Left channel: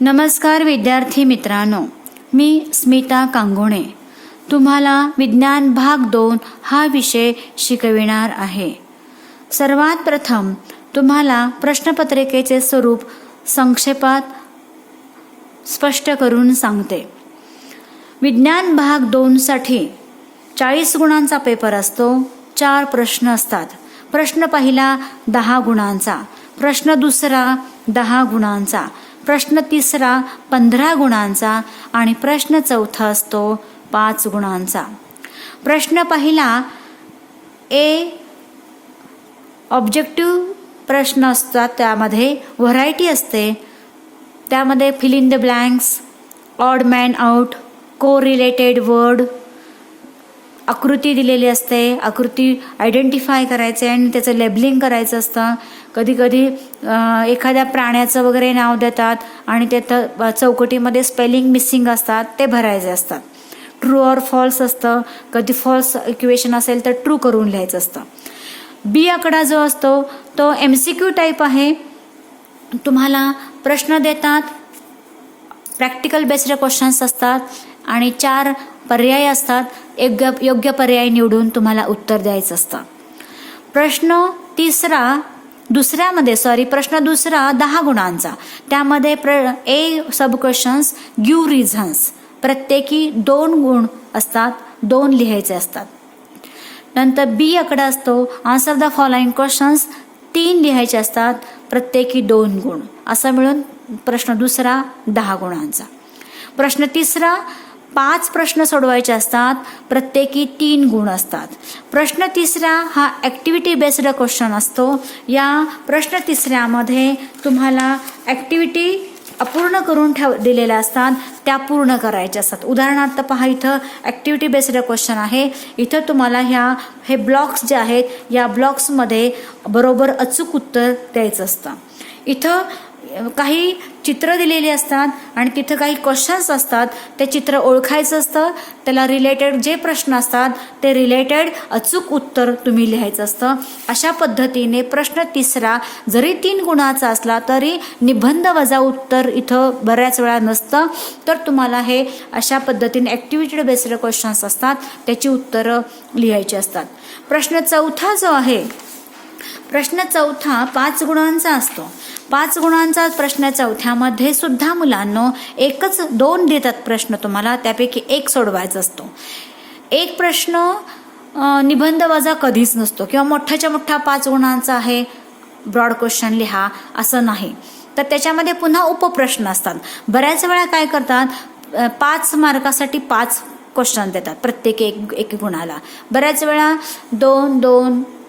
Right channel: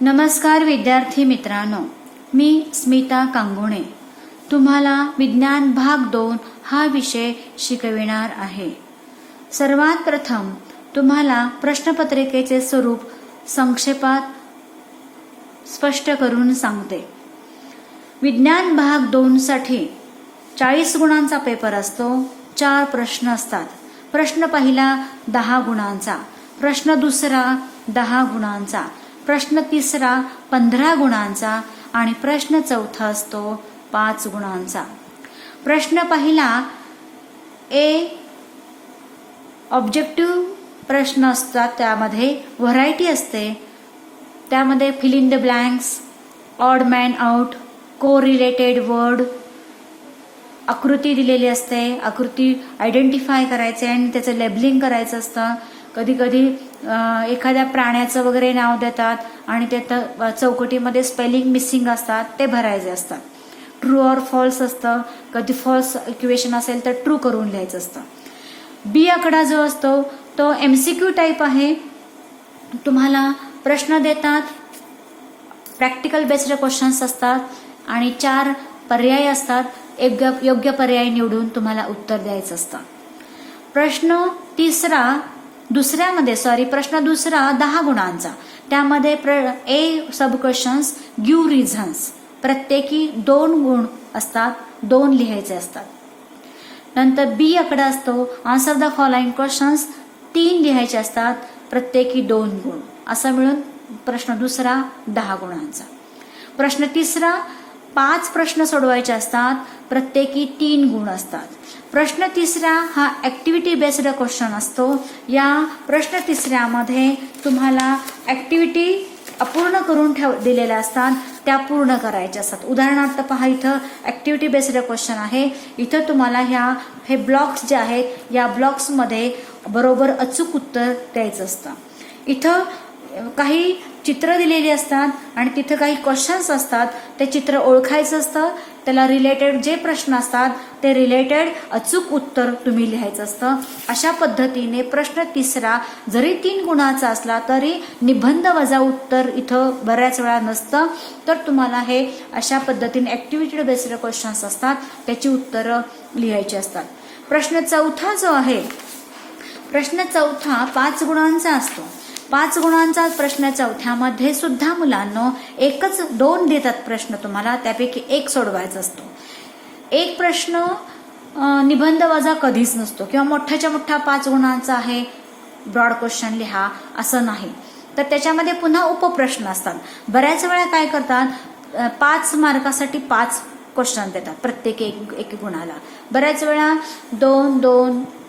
नमस्कार विद्यार्थी मित्रांनो, मी स्मिता कांगोणे तुम्हाला विज्ञान भाग 2 हा विषय शिकविणार आहे। सर्वात प्रथम तुम्हाला प्रश्नपत्रिकेचे स्वरूप संक्षेपात स्पष्ट करून सांगते। विज्ञान भाग 2 साठी 40 गुणांचा पेपर असतो। 4 प्रश्न असतात। प्रश्न पहिला 10 गुणांचा, प्रश्न दुसरा 10 गुणांचा, प्रश्न तिसरा 15 गुणांचा आणि प्रश्न चौथा असतो 5 गुणांचा। प्रश्न पहिला ऑब्जेक्टिव्ह प्रश्न असतात, त्यामध्ये व्हरायटी असते। त्यामध्ये fill in the blanks, odd man out, correlated word, आकृती दिलेली असते। आकृती आयडेंटिफाय करायचे आणि त्याचं लेबलिंग करायचं असतं। कधी कधी एखाद्या प्राण्याचं वगैरे नाव देतात आणि त्यात चौकटीमध्ये स्पेलिंग मिसिंग असतात, ते भरायचे असतात। ट्रू ऑर फॉल्स असतं। कधी फॉल्स इक्वेशन असेल तर ट्रू करून लिहायचं असतं। बी आकडा जो असतो तो MCQ टाईप आहे। तुम्हाला प्रश्न देतात, प्रॅक्टिकल बेस्ड क्वेश्चन्स असतात आणि 4 पर्याय असतात। योग्य पर्याय निवडून तुम्हाला उत्तर द्यायचं असतं। प्रश्न दुसरा 10 गुणांचा, त्यामध्ये सब क्वेश्चन्स गिव्ह रिझन्स, प्रत्येकी 2 गुण असतात, 2 लिहायचे असतात। नंतर बी आकडा असतो, आन्सर द फॉलोइंग क्वेश्चन्स, 3 लिहायचे असतात, प्रत्येकी 2 गुण, असं मिळून प्रश्न दुसरा 10 गुणांचा। प्रश्न तिसरा 5 प्रश्न सोडवायचे असतात, प्रत्येकी 3 गुण असतात। प्रश्न तिसरा हा ऍक्टिव्हिटी बेस्ड क्वेश्चन असतो। या प्रश्न तिसऱ्यामध्ये तुम्हाला ऍक्टिव्हिटी अपूर्ण करून दिलेल्या असतात, त्या पूर्ण करायच्या असतात। उदाहरणार्थ पहा, इथं ऍक्टिव्हिटी बेस्ड क्वेश्चन आहे। इथं तुम्हाला हे ब्लॉक्स जे आहेत, या ब्लॉक्समध्ये बरोबर अचूक उत्तर द्यायचं असतं। इथं काही चित्र दिलेली असतात आणि तिथं काही क्वेश्चन्स असतात, ते चित्र ओळखायचं असतं। त्याला रिलेटेड जे प्रश्न असतात ते रिलेटेड अचूक उत्तर तुम्ही लिहायचं असतं। अशा पद्धतीने प्रश्न तिसरा जरी 3 गुणाचा असला तरी निबंध वजा उत्तर इथं बऱ्याच वेळा नसतं, तर तुम्हाला हे अशा पद्धतीने ऍक्टिव्हिटी बेस्ड क्वेश्चन्स असतात, त्याची उत्तरं लिहायची असतात। प्रश्न चौथा जो आहे, प्रश्न चौथा 5 गुणांचा असतो। 5 गुणांचा प्रश्न चौथ्यामध्ये सुद्धा मुलांनो 2 देतात प्रश्न तुम्हाला, त्यापैकी 1 सोडवायचा असतो। 1 प्रश्न निबंध वजा कधीच नसतो, किंवा मोठ्याच्या मोठा 5 गुणांचा आहे, ब्रॉड क्वेश्चन लिहा असं नाही, तर त्याच्यामध्ये पुन्हा उपप्रश्न असतात। बऱ्याच वेळा काय करतात, 5 मार्कासाठी 5 क्वेश्चन देतात, प्रत्येक एक गुणाला। बऱ्याच वेळा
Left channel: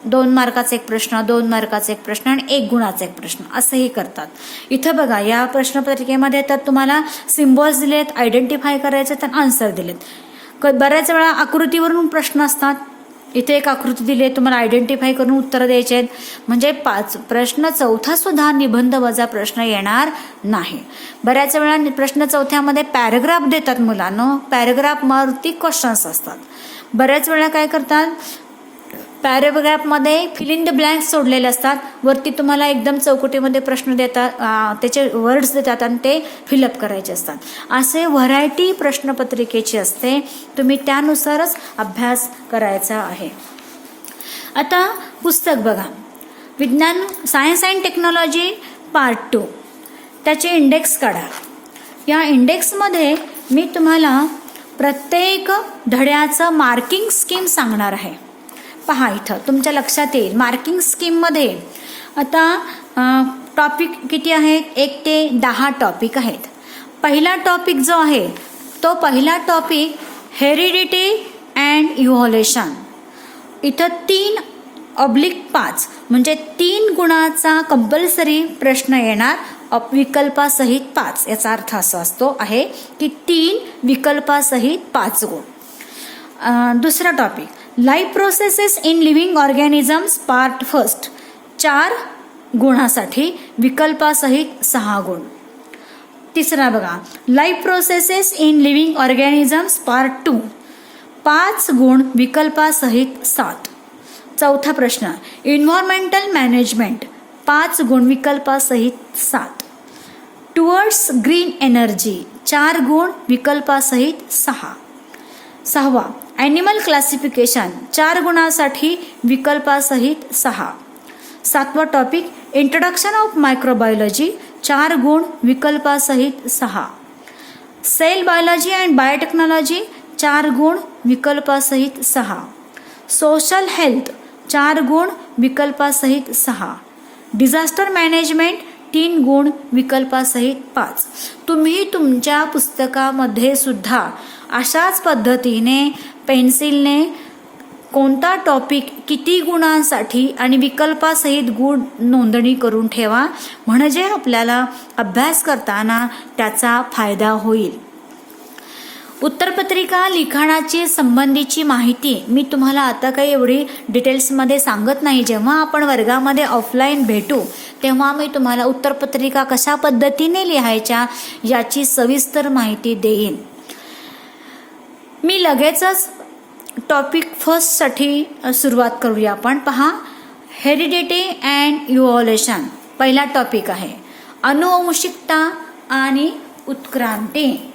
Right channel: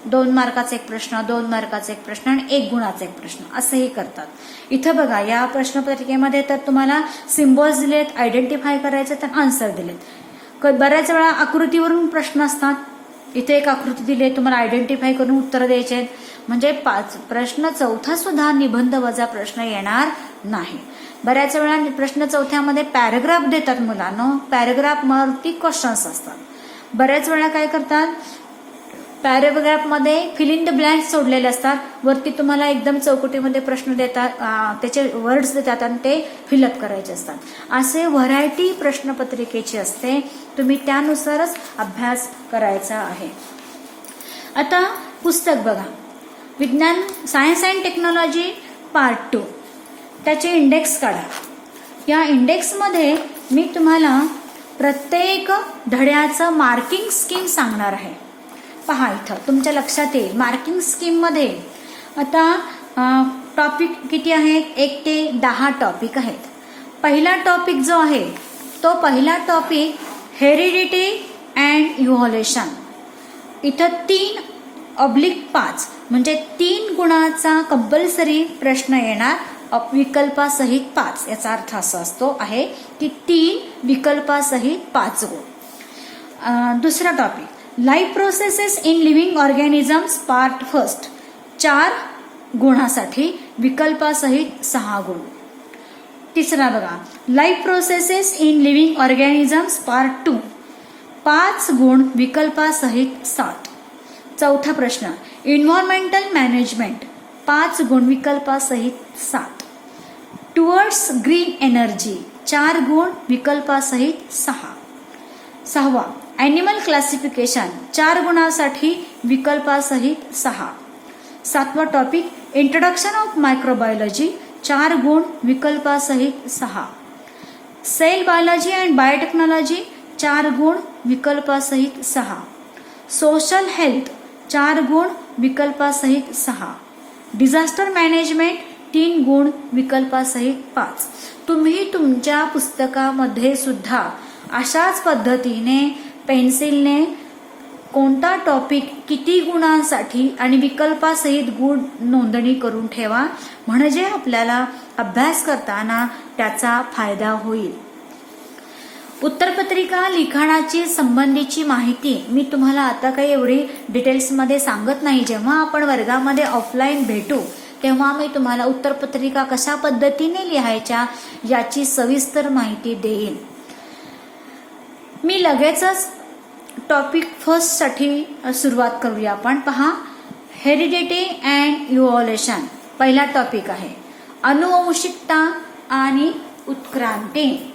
2 मार्काचा एक प्रश्न, 2 मार्काचा एक प्रश्न आणि 1 गुणाचा एक प्रश्न, असंही करतात। इथं बघा, या प्रश्नपत्रिकेमध्ये तर तुम्हाला सिम्बॉल्स दिलेत, आयडेंटिफाय करायचे, तर आन्सर दिलेत। बऱ्याच वेळा आकृतीवरून प्रश्न असतात, इथे एक आकृती दिली, तुम्हाला आयडेंटिफाय करून उत्तर द्यायचे आहेत। म्हणजे प्रश्न चौथा सुद्धा निबंध वजा प्रश्न येणार नाही। बऱ्याच वेळा प्रश्न चौथ्यामध्ये पॅराग्राफ देतात मुलांनो, पॅराग्राफ वरती क्वेश्चन्स असतात। बऱ्याच वेळा काय करतात, पॅराग्राफमध्ये फिल इन द ब्लँक्स सोडलेले असतात, वरती तुम्हाला एकदम चौकटीमध्ये प्रश्न देतात, त्याचे वर्ड्स देतात आणि ते फिलअप करायचे असतात। असे व्हरायटी प्रश्नपत्रिकेची असते, तुम्ही त्यानुसारच अभ्यास करायचा आहे। आता पुस्तक बघा, विज्ञान सायन्स अँड टेक्नॉलॉजी पार्ट 2, त्याचे इंडेक्स काढा। या इंडेक्समध्ये मी तुम्हाला प्रत्येक धड्याचं मार्किंग स्कीम सांगणार आहे। पहा, इथं तुमच्या लक्षात येईल, मार्किंग स्कीम मध्ये आता टॉपिक किती आहेत, 1 ते 10 टॉपिक आहेत। पहिला टॉपिक जो आहे, तो पहिला टॉपिक हेरिडिटी अँड इव्हॉल्युशन। इथं 3/5 म्हणजे 3 गुणाचा कंपल्सरी प्रश्न येणार, विकल्पासहित 5। याचा अर्थ असा आहे की 3 विकल्पासहित 5 गुण। दुसरा topic life processes in living organisms part 1, 4 गुणासाठी, विकल्पासहित 6 गुण। तिसरा बघा, life processes in living organisms part 2, 5 गुण, विकल्पासहित 7। चौथा प्रश्न एन्व्हायरमेंटल मॅनेजमेंट, 5 गुण, विकल्पासहित 7। टुवर्ड्स ग्रीन एनर्जी 4 गुण विकल्पासहित 6. 6. ॲनिमल क्लासिफिकेशन 4 गुणासाठी विकल्पासहित 6. 7वा टॉपिक इंट्रोडक्शन ऑफ मायक्रोबायोलॉजी 4 गुण विकल्पासहित 6. सेल बायोलॉजी अँड बायोटेक्नॉलॉजी 4 गुण विकल्पासहित 6. सोशल हेल्थ 4 गुण विकल्पासहित 6. डिझास्टर मॅनेजमेंट 3 गुण विकल्पासहित 5. तुम्ही तुमच्या पुस्तकामध्ये सुद्धा अशाच पद्धतीने पेन्सिलने कोणता टॉपिक किती गुणांसाठी आणि विकल्पासहित गुण नोंदणी करून ठेवा, म्हणजे आपल्याला अभ्यास करताना त्याचा फायदा होईल. उत्तरपत्रिका लिखाणाची संबंधीची माहिती मी तुम्हाला आता काही एवढी डिटेल्समध्ये सांगत नाही. जेव्हा आपण वर्गामध्ये ऑफलाईन भेटू तेव्हा मी तुम्हाला उत्तरपत्रिका कशा पद्धतीने लिहायच्या याची सविस्तर माहिती देईन. मी लगेचच टॉपिक फर्स्ट साठी सुरुवात करूया. आपण पहा, हेरिडिटी अँड इव्हॉल्युशन पहिला टॉपिक आहे. अनुवंशिकता आणि उत्क्रांती.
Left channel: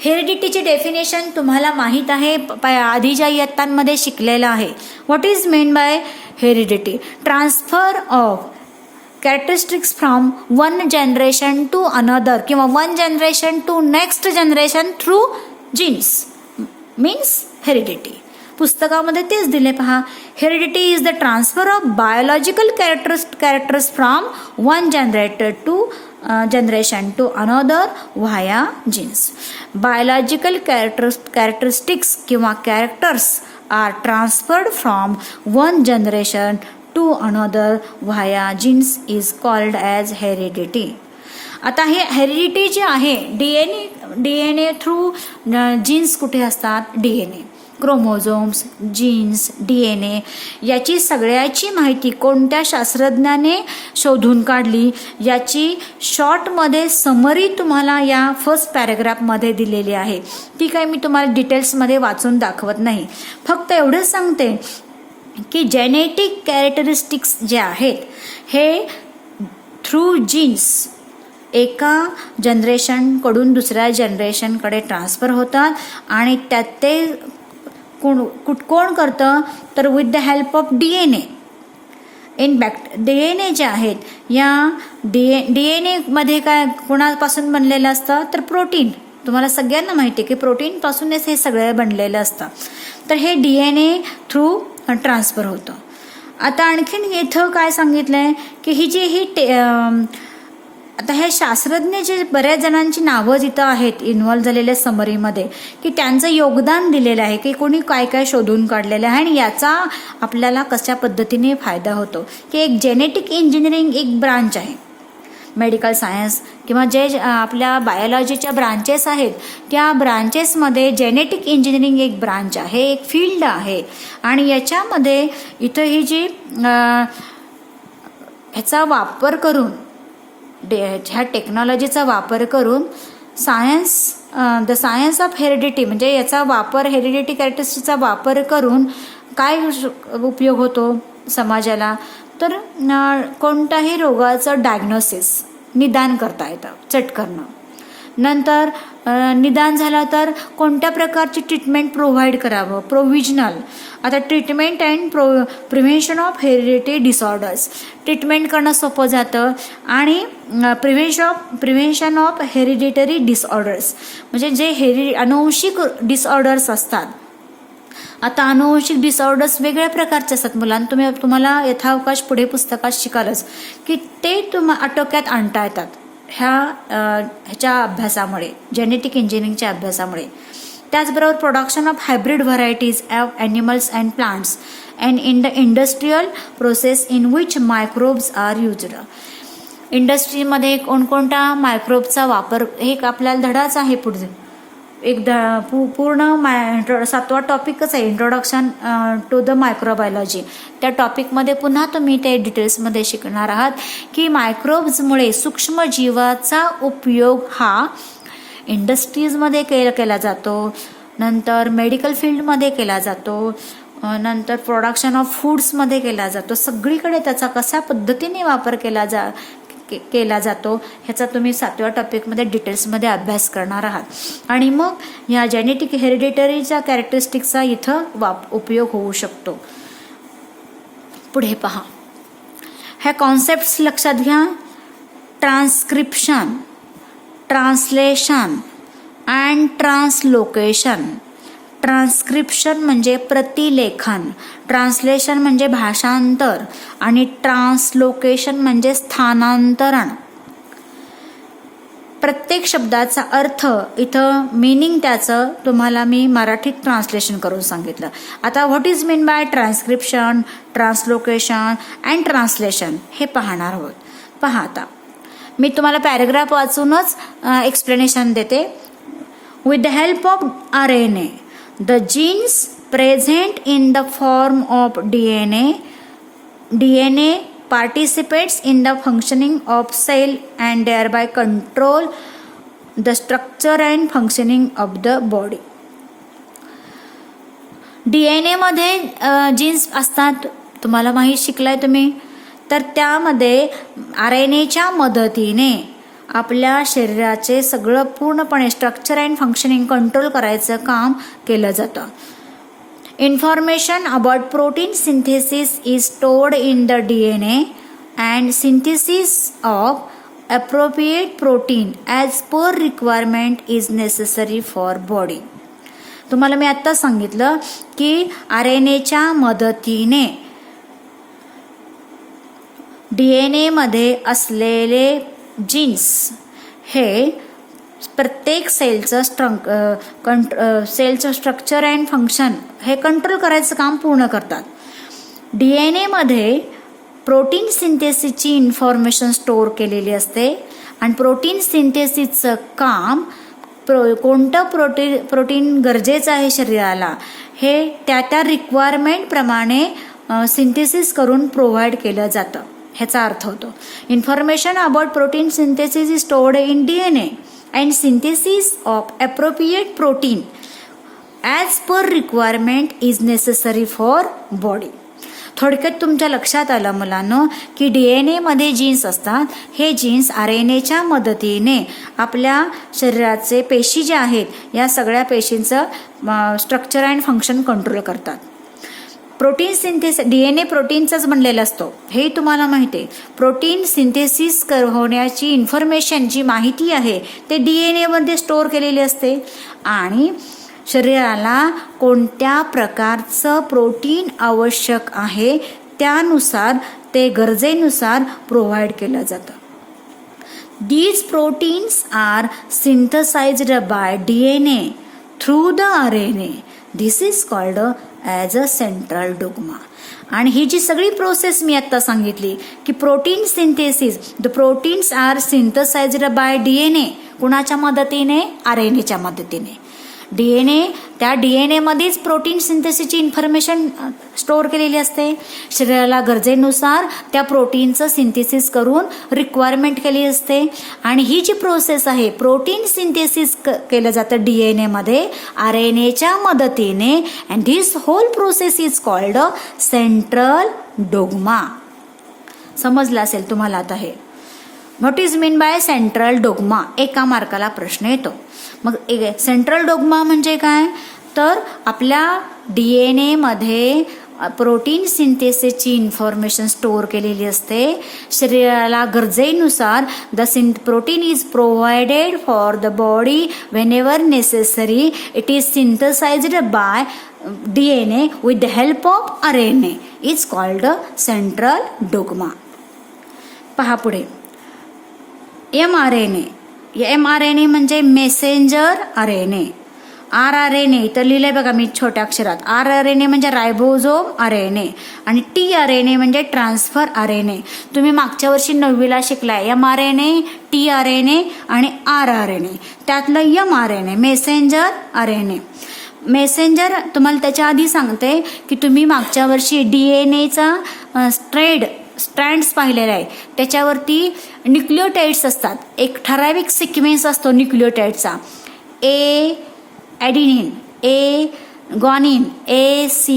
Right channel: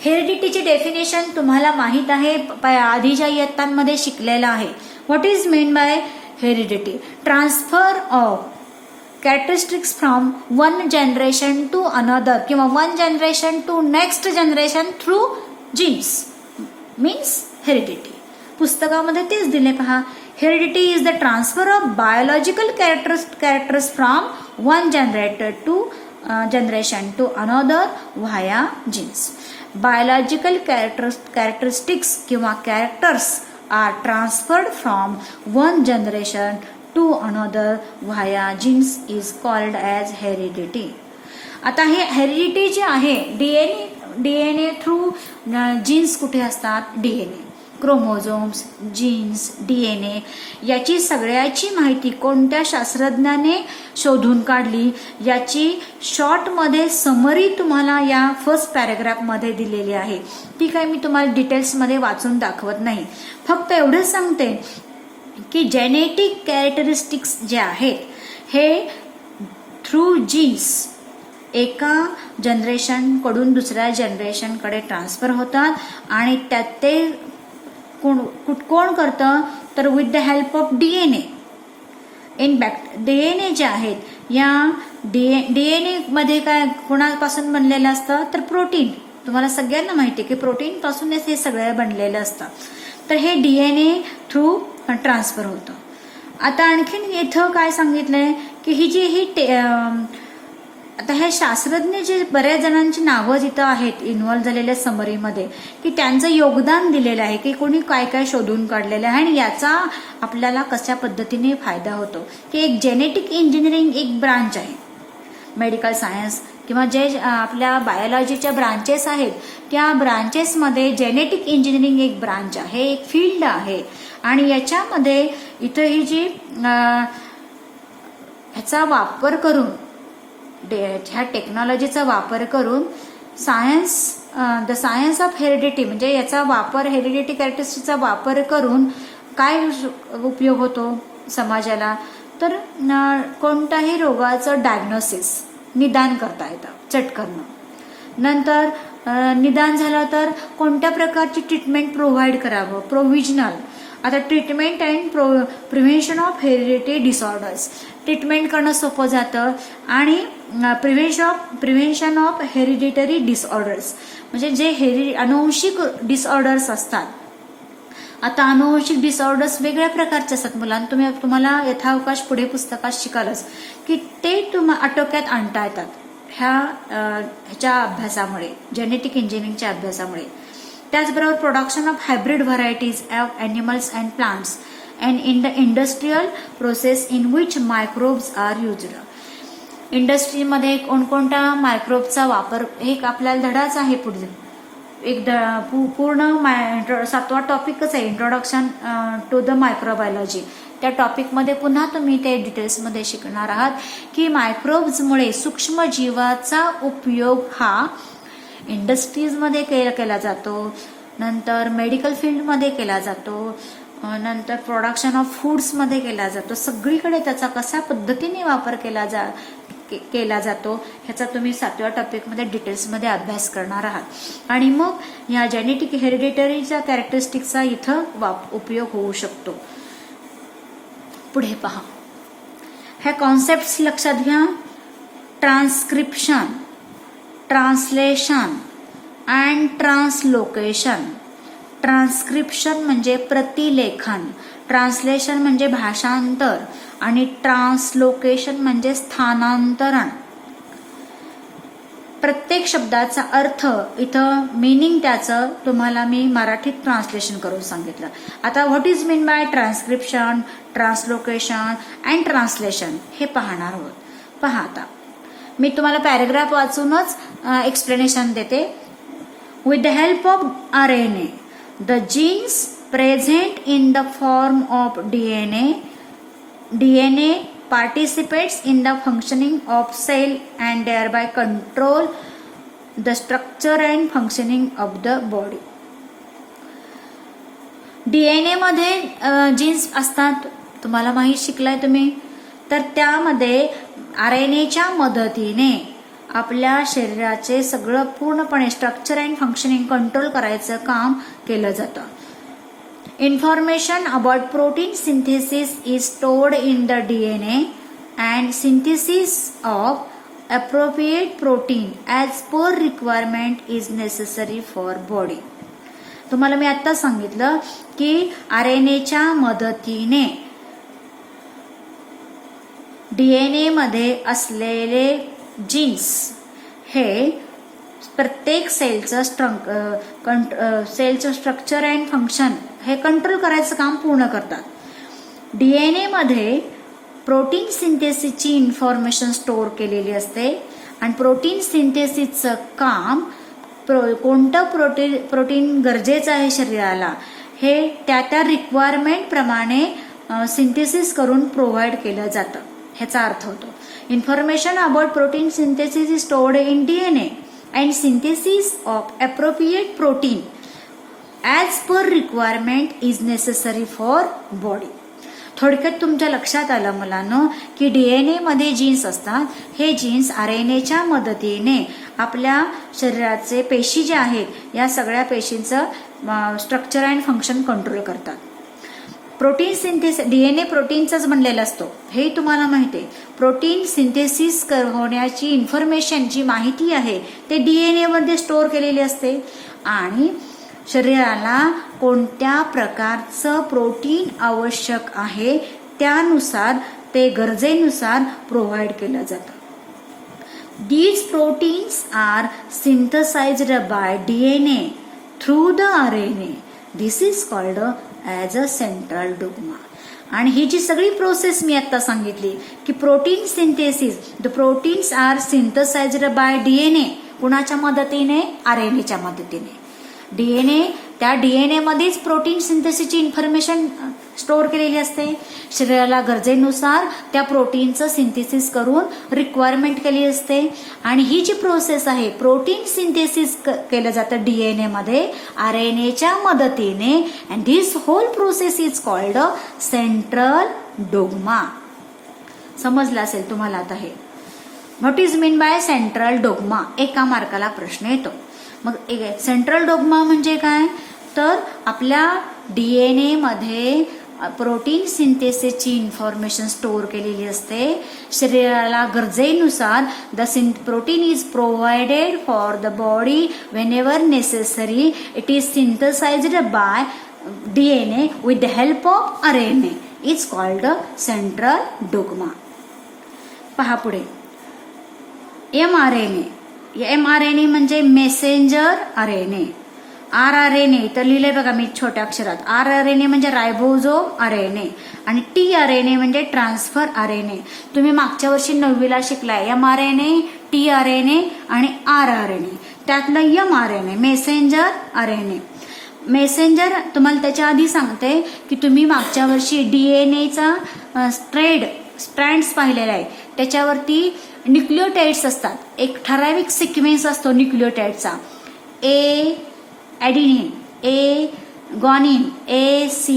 हेरिडिटीचे डेफिनेशन तुम्हाला माहित आहे, आधीच्या इयत्तांमध्ये शिकलेलं आहे. What is meant by heredity? Transfer of characteristics from one generation to another किंवा one generation to next generation through genes means heredity. पुस्तकामध्ये तेच दिले पहा. Heredity is the transfer of biological characters from one generation to another via genes. Biological characteristics किंवा characters are transferred from one generation to another via genes is called as heredity. आता हे heredity जे आहे, DNA through jeans कुठे असतात? DNA, chromosomes, jeans, DNA याची सगळ्याची माहिती कोणत्या शास्त्रज्ञाने शोधून काढली याची शॉर्टमध्ये समरी तुम्हाला या फर्स्ट पॅराग्राफमध्ये दिलेली आहे. ती काय मी तुम्हाला डिटेल्समध्ये वाचून दाखवत नाही, फक्त एवढंच सांगते की जेनेटिक कॅरेक्टरिस्टिक्स जे आहेत हे थ्रू जीन्स एका जनरेशनकडून दुसऱ्या जनरेशनकडे ट्रान्सफर होतात आणि त्यात ते कोण करतं तर with the help of DNA. DNA जे आहेत या डीएनए मध्ये काय कोणापासून बनलेलं असतं तर प्रोटीन. तुम्हाला सगळ्यांना माहिती आहे की प्रोटीन पासूनच हे सगळं बनलेलं असतं. तर हे डीएनए थ्रू ट्रान्सफर होतं. आता आणखीन इथं काय सांगितलंय की आता हे शास्त्रज्ञ जे बऱ्याच जणांची नावं जिथं आहेत इन्व्हॉल्व्ह झालेल्या समरीमध्ये की त्यांचं योगदान दिलेलं आहे की कोणी काय काय शोधून काढलेलं आहे आणि याचा आपल्याला कशा पद्धतीने फायदा होतो. की एक जेनेटिक इंजिनिअरिंग एक ब्रांच आहे, मेडिकल सायन्स किंवा जे आपल्या बायोलॉजीच्या ब्रांचेस आहेत त्या ब्रांचेसमध्ये जेनेटिक इंजिनिअरिंग एक ब्रांच आहे, एक फील्ड आहे. आणि याच्यामध्ये इथं ही जी ह्याचा वापर करून ह्या टेक्नॉलॉजीचा वापर करून द सायन्स ऑफ हेरिडिटी म्हणजे याचा वापर हेरिडिटी कॅरेक्टरिस्टिक्सचा वापर करून काय उपयोग होतो समाजाला तर कोणत्याही रोगाचं डायग्नोसिस निदान करता येतं चटकन. नंतर निदान झालं तर कोणत्या प्रकारची ट्रीटमेंट प्रोव्हाइड करावं, प्रोव्हिजनल. आता treatment and prevention of heredity disorders treatment करणं सोपं जातं आणि प्रिव्हेन्शन ऑफ हेरिडिटरी डिसऑर्डर्स म्हणजे जे अनुवंशिक डिसऑर्डर्स असतात. आता अनुवंशिक डिसऑर्डर्स वेगळ्या प्रकारचे असतात. मुलांना तुम्हाला यथावकाश पुढे पुस्तकात शिकालच की ते आटोक्यात आणता येतात ह्याच्या अभ्यासामुळे, जेनेटिक इंजिनिअरिंगच्या अभ्यासामुळे. त्याचबरोबर production of hybrid varieties of animals and plants and in the industrial process in which microbes are used. इंडस्ट्रीमध्ये कोणकोणत्या मायक्रोबचा वापर हे एक आपल्याला धडाच आहे. पुढे एक पूर्ण 7वा टॉपिकच आहे इंट्रोडक्शन टू द मायक्रोबायोलॉजी. त्या टॉपिकमध्ये पुन्हा तुम्ही ते डिटेल्समध्ये शिकणार आहात की मायक्रोब्समुळे सूक्ष्मजीवाचा उपयोग हा इंडस्ट्रीजमध्ये केला जातो, नंतर मेडिकल फील्डमध्ये केला जातो, नंतर प्रोडक्शन ऑफ फूड्समध्ये केला जातो. सगळीकडे त्याचा कशा पद्धतीने वापर केला जातो ह्याचा तुम्ही 7व्या टॉपिकमध्ये डिटेल्समध्ये अभ्यास करणार आहात आणि मग या जेनेटिक हेरिडिटरीच्या कॅरेक्टरिस्टिक्सचा इथं उपयोग होऊ शकतो. पुढे पहा, ह्या कॉन्सेप्ट्स लक्षात घ्या. Transcription, translation and translocation. Transcription म्हणजे प्रतिलेखन, ट्रान्सलेशन म्हणजे भाषांतर आणि ट्रान्सलोकेशन म्हणजे स्थानांतरण. प्रत्येक शब्दाचा अर्थ इथं मिनिंग त्याचं तुम्हाला मी मराठीत ट्रान्सलेशन करून सांगितलं. आता what is mean bye transcription, translocation and translation हे पाहणार आहोत. पहा, आता मी तुम्हाला पॅरेग्राफ वाचूनच एक्सप्लेनेशन देते. With the help of RNA, the genes present in the form of DNA participates in the functioning of cell and thereby control the structure and functioning of the body. DNA मध्ये jeans असतात, तुम्हाला माहीत शिकलाय तुम्ही. तर त्यामध्ये RNAच्या मदतीने आपल्या शरीराचे सगळं पूर्णपणे स्ट्रक्चर अँड फंक्शनिंग कंट्रोल करायचं काम केलं जातं. Information about protein synthesis is stored in the DNA and synthesis of appropriate protein as per requirement is necessary for body. तुम्हाला मी आता सांगितलं की RNAच्या मदतीने DNA मध्ये असलेले जीन्स हे प्रत्येक सेलचं स्ट्रक्चर अँड फंक्शन हे कंट्रोल करायचं काम पूर्ण करतात. DNA मध्ये प्रोटीन सिंथेसिसची इन्फॉर्मेशन स्टोअर केलेली असते आणि प्रोटीन सिंथेसिसचं काम कोणतं प्रोटीन गरजेचं आहे शरीराला हे त्या रिक्वायरमेंट प्रमाणे सिंथेसिस करून प्रोव्हाइड केलं जातं. ह्याचा अर्थ होतो information about protein synthesis is stored in DNA and synthesis of appropriate protein as per requirement is necessary for body. थोडक्यात तुमच्या लक्षात आलं मुलांनो की DNA मध्ये जीन्स असतात. हे जीन्स RNAच्या मदतीने आपल्या शरीराचे पेशी ज्या आहेत या सगळ्या पेशींचं स्ट्रक्चर अँड फंक्शन कंट्रोल करतात. प्रोटीन सिंथेसिस DNA प्रोटीनचाच बनलेला असतो हे तुम्हाला माहिती आहे. प्रोटीन सिंथेसिस होण्याची इन्फॉर्मेशन जी माहिती आहे ते DNA मध्ये स्टोअर केलेली असते आणि शरीराला कोणत्या प्रकारचं प्रोटीन आवश्यक आहे त्यानुसार ते गरजेनुसार प्रोव्हाइड केलं जातं. These proteins are synthesized by DNA through the RNA. This is called as a central dogma. आणि ही जी सगळी प्रोसेस मी आता सांगितली की protein synthesis, the proteins are synthesized by DNA. कुणाच्या मदतीने? RNAच्या मदतीने. त्या DNA मध्येच प्रोटीन सिंथेसिसची इन्फॉर्मेशन स्टोअर केलेली असते. शरीराला गरजेनुसार त्या प्रोटीनचं सिंथेसिस करून रिक्वायरमेंट केली असते आणि ही जी प्रोसेस आहे प्रोटीन सिंथेसिस केलं जातं DNA मध्ये RNAच्या मदतीने and this whole process is called central dogma. समजलं असेल तुम्हाला आता हे. What is mean by central dogma? एका मार्काला प्रश्न येतो. मग सेंट्रल डोग्मा म्हणजे काय? तर आपल्या DNA मध्ये प्रोटीन सिंथेसिसची इन्फॉर्मेशन स्टोअर केलेली असते. शरीराला गरजेनुसार the protein is provided for the body whenever necessary. It is synthesized by DNA with the help of RNA is called central dogma. पहा पुढे mRNA म्हणजे मेसेंजर RNA. rRNA तर लिहिलंय बघा मी छोट्या अक्षरात. rRNA म्हणजे रायबोझोम RNA आणि tRNA म्हणजे ट्रान्सफर RNA. तुम्ही मागच्या वर्षी 9वीला शिकलाय mRNA, tRNA आणि rRNA. त्यातलं mRNA मेसेंजर RNA. मेसेंजर तुम्हाला त्याच्या आधी सांगते की तुम्ही मागच्या वर्षी DNAचा स्ट्रँड्स पाहिलेला आहे. त्याच्यावरती न्यूक्लियोटाइड्स असतात. एक ठराविक सिक्वेन्स असतो न्यूक्लियोटाइडचा. A adenine, A guanine, A C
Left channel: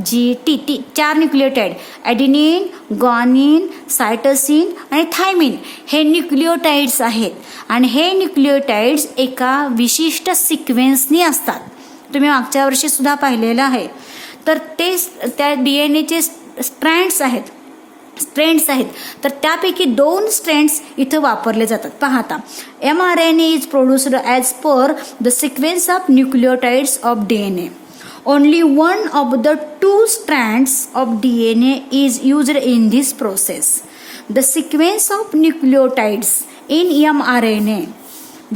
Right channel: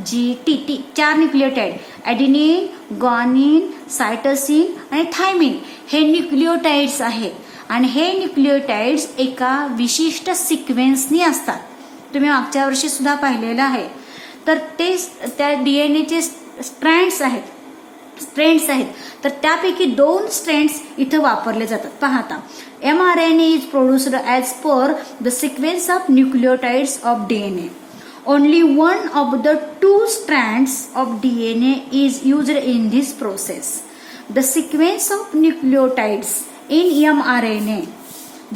G T 4 nucleotide. Adenine, guanine, cytosine आणि थायमिन हे न्यूक्लिओटाइड्स आहेत आणि हे न्यूक्लिओटाइड्स एका विशिष्ट सिक्वेन्सनी असतात. तुम्ही मागच्या वर्षी सुद्धा पाहिलेलं आहे. तर ते त्या डीएनएचे स्ट्रँड्स आहेत, तर त्यापैकी 2 स्ट्रँड्स इथं वापरले जातात. पाहता, mRNA is produced as per the sequence of nucleotides of DNA. Only one of the 2 strands of DNA is used in this process. The sequence of nucleotides in mRNA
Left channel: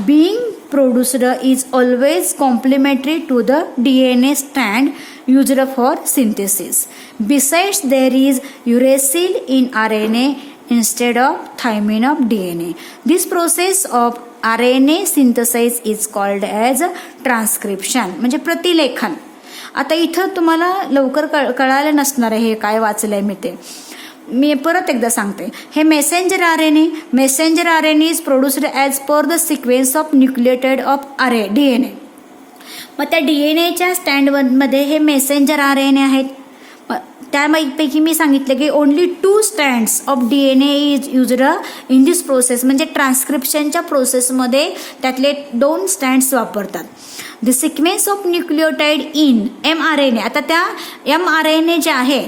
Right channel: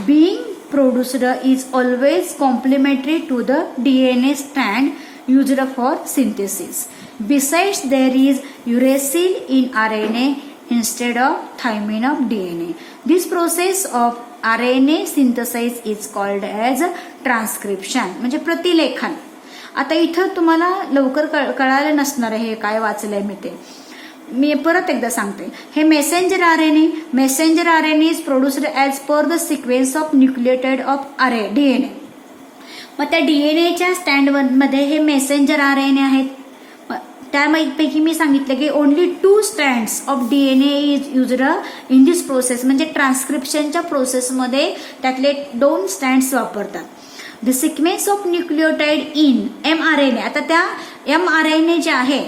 being produced is always complementary to the DNA strand used for synthesis. Besides, there is uracil in RNA instead of thymine of DNA. This process of RNA synthesis is called as transcription, म्हणजे प्रतिलेखन. आता इथं तुम्हाला लवकर कळालं नसणार आहे हे काय वाचलंय मी ते. मी परत एकदा सांगते. हे messenger RNA is produced as per the sequence of nucleotide of DNA. मग त्या डीएनएच्या स्टँडमध्ये हे मेसेंजर आरएनए आहेत. त्यापैकी मी सांगितलं की only 2 strands of DNA is used in this process, म्हणजे ट्रान्स्क्रिप्शनच्या प्रोसेसमध्ये त्यातले 2 स्ट्रँड्स वापरतात. द sequence of nucleotide in mRNA. आता त्या mRNA जे आहे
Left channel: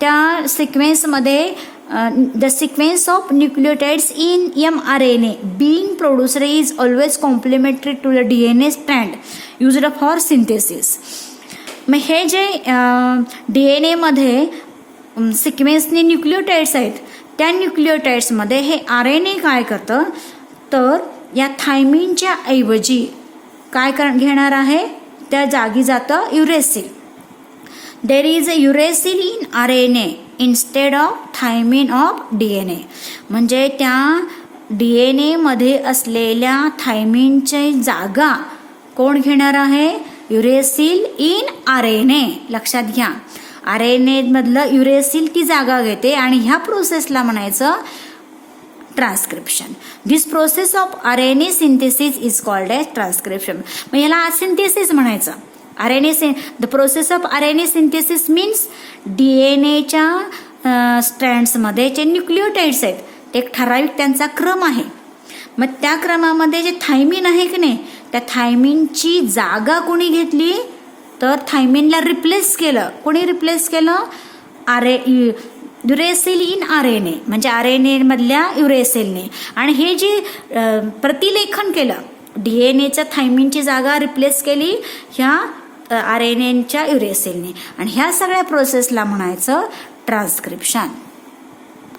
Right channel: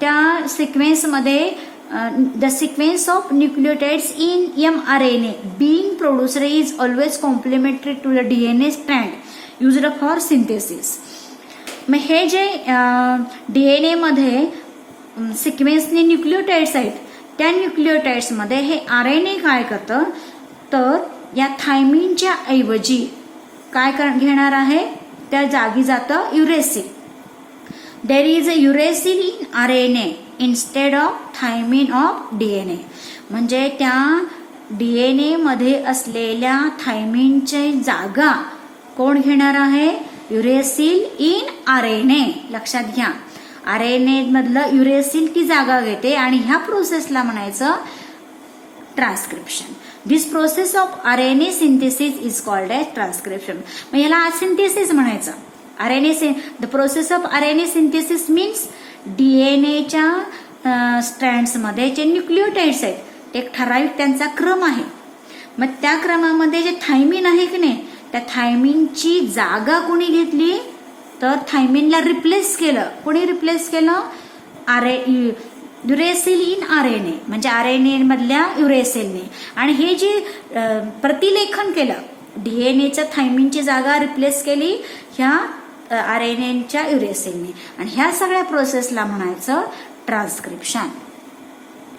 त्या सिक्वेन्समध्ये the sequence of nucleotides in mRNA being produced is always complementary to the DNA strand used for synthesis. मग हे जे डीएनए मध्ये सिक्वेन्सने न्यूक्लियोटाइड्स आहेत, त्या न्यूक्लियोटाइड्समध्ये हे आरएनए काय करतं, तर या थायमिनच्या ऐवजी काय घेणार आहे, त्या जागी जातं uracil. There is a uracil in RNA instead of thymine of DNA. म्हणजे त्या डीएनए मध्ये असलेल्या थायमिनची जागा कोण घेणार आहे, युरेसिल इन आरएनए. लक्षात घ्या, आरएनए मधलं युरेसिल ती जागा घेते आणि ह्या प्रोसेसला म्हणायचं transcription. This process of RNA synthesis is called as transcription. मग याला सिंथेसिस म्हणायचं. The process of RNA synthesis means डीएनएच्या स्ट्रँड्समध्ये जे न्यूक्लियोटाइड्स आहेत ते एक ठराविक त्यांचा क्रम आहे. मग त्या क्रमामध्ये जे थायमिन आहे की नाही, त्या थायमिनची जागा कोणी घेतली, तर थायमिनला रिप्लेस केलं. कोणी रिप्लेस केलं, युरेसिल इन आरएनए, म्हणजे आरएनए मधल्या युरेसिलने. आणि हे जे प्रतिलेखन केलं, डीएनएच्या थायमिनची जागा रिप्लेस केली ह्या आरएनएच्या युरेसिलने, आणि ह्या सगळ्या प्रोसेसला म्हणायचं ट्रान्स्क्रिप्शन.